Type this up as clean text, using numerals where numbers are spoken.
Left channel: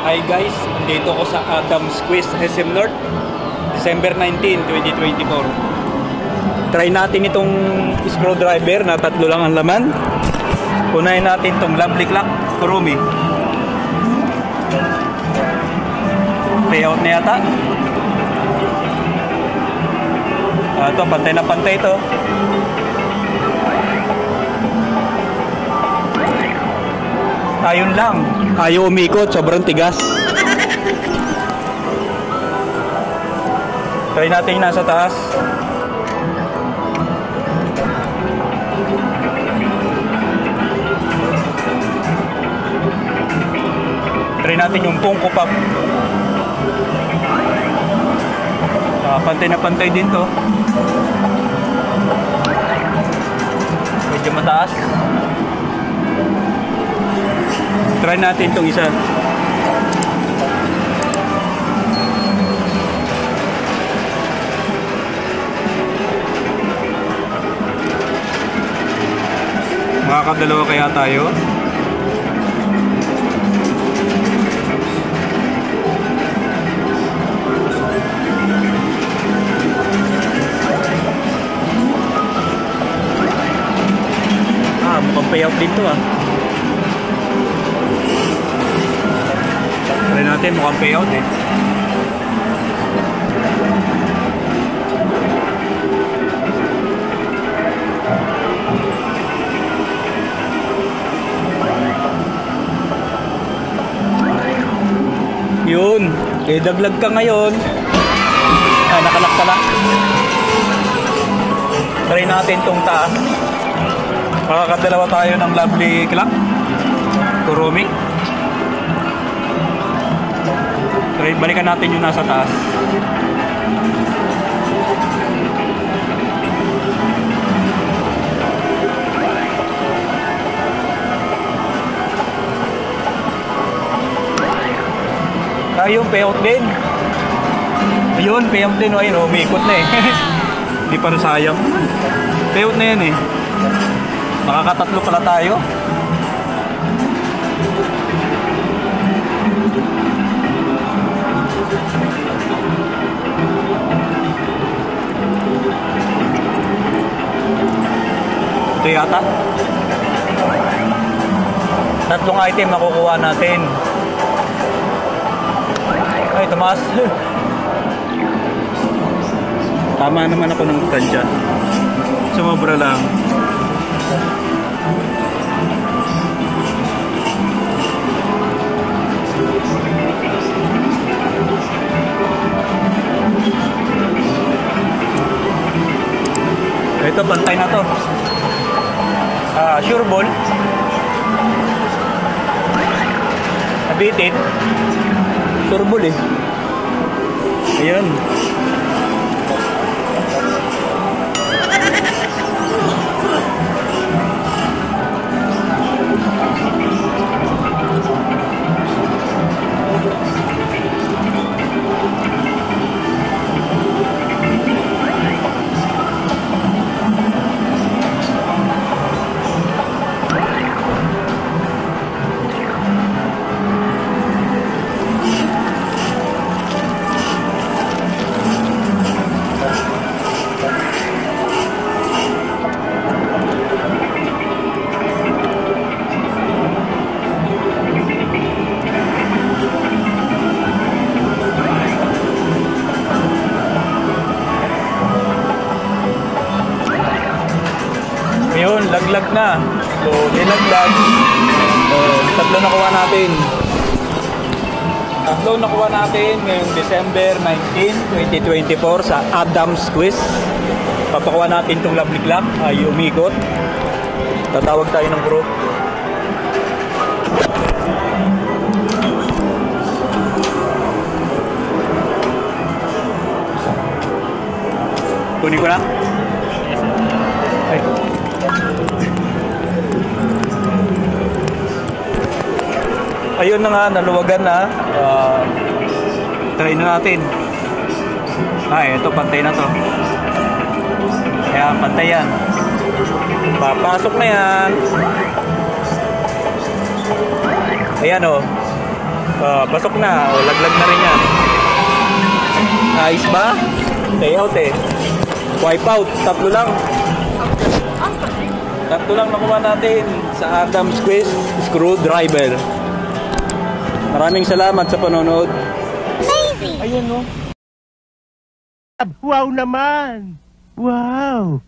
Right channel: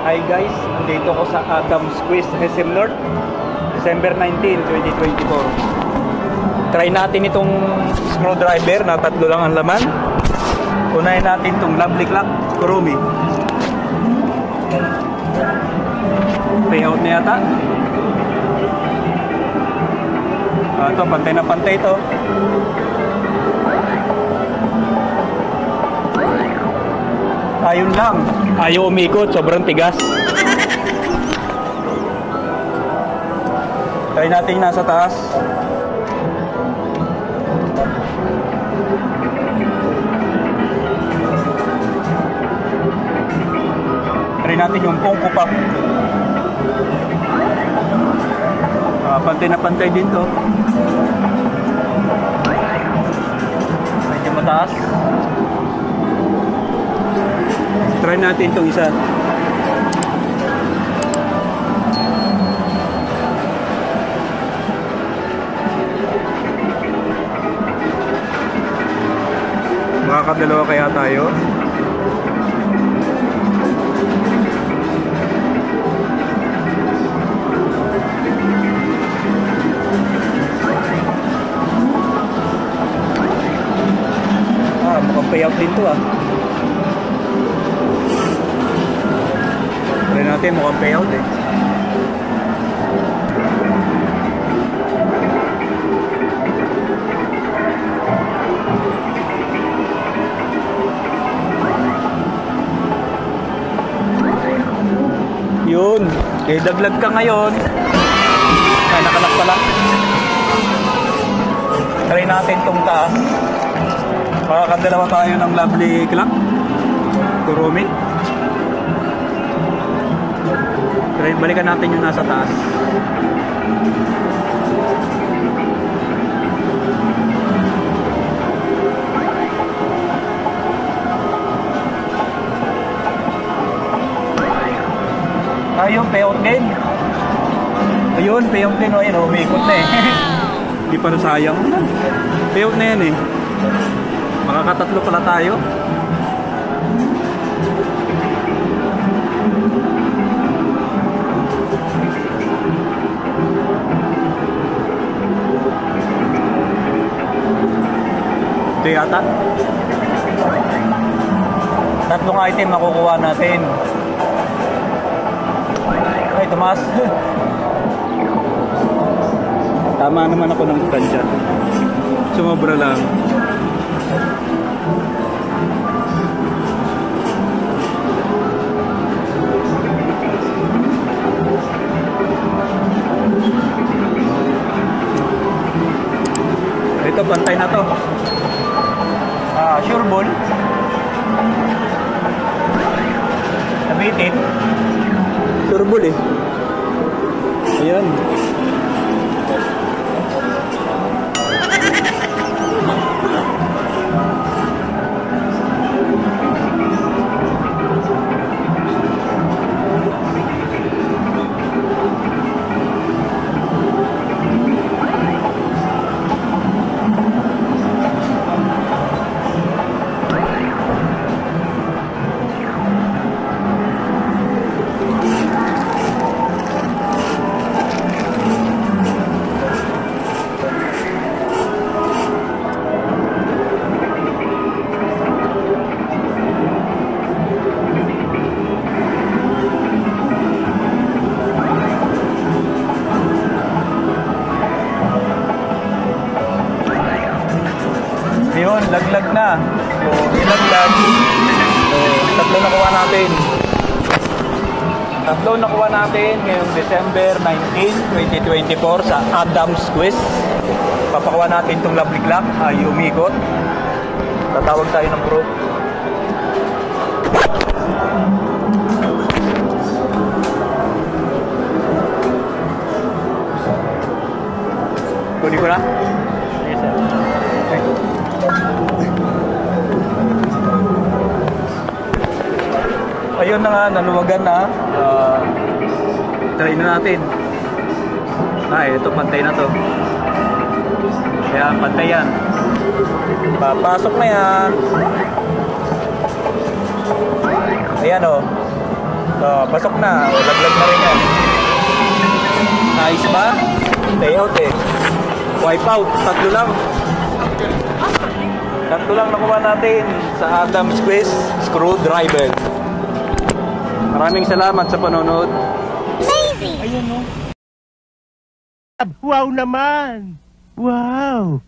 Hi guys, andito ko sa Adams Quiz SM North, December 19, 2024. Try natin itong screwdriver na tatlo lang ang laman. Unahin natin itong Lovely Clock Kurumi. Payout na yata. Ito, pantay na pantay ito. Ayun lang, ayaw umikot, sobrang tigas. Try natin yung nasa taas. Try natin yung Funko Pop. Pantay na pantay din to. Medyo mataas. Try natin itong isa. Makakadalawa kaya tayo? Mukhang payout din to ah. Try natin, mukhang payout eh. Yun, daglag ka ngayon. Ay, nakanak pala. Try natin itong taas. Makakadalawa tayo ng Lovely Clock Kurumi. Balikan natin yung nasa taas. Ayun, payout din. Ayun, payout din. Ayun, umikot na eh. Hindi pa nasayang. Payout na yan eh. Nakakatatlo pala tayo. Ito yata. Tatlong item makukuha natin. Ay, tumaas. Tama naman ako ng tansya. Sumobra lang. Ito, bantay na to. Sure ball. Nabitin. Sure ball eh. Ayan. Laglag na. So, nilaglag. Tatlo nakuha natin. Tatlo nakuha natin ngayong December 19, 2024 sa Adams Quiz. Papakuha natin itong Lovely Clock. Ay, umikot. Tatawag tayo ng group. Kunin ko na. Ayun na nga, naluwagan na. Try na natin. Ito, pantay na to. Ayan, pantay yan. Papasok na yan. Ayan o. Basok na. O, laglag na rin yan. Nice ba? Peyote. Wipe out. Tatlo lang. Tatlo lang nakuha natin sa Adam's Quest Screwdriver. Maraming salamat sa panonood. Lazy! Ayan, no? Wow naman! Wow!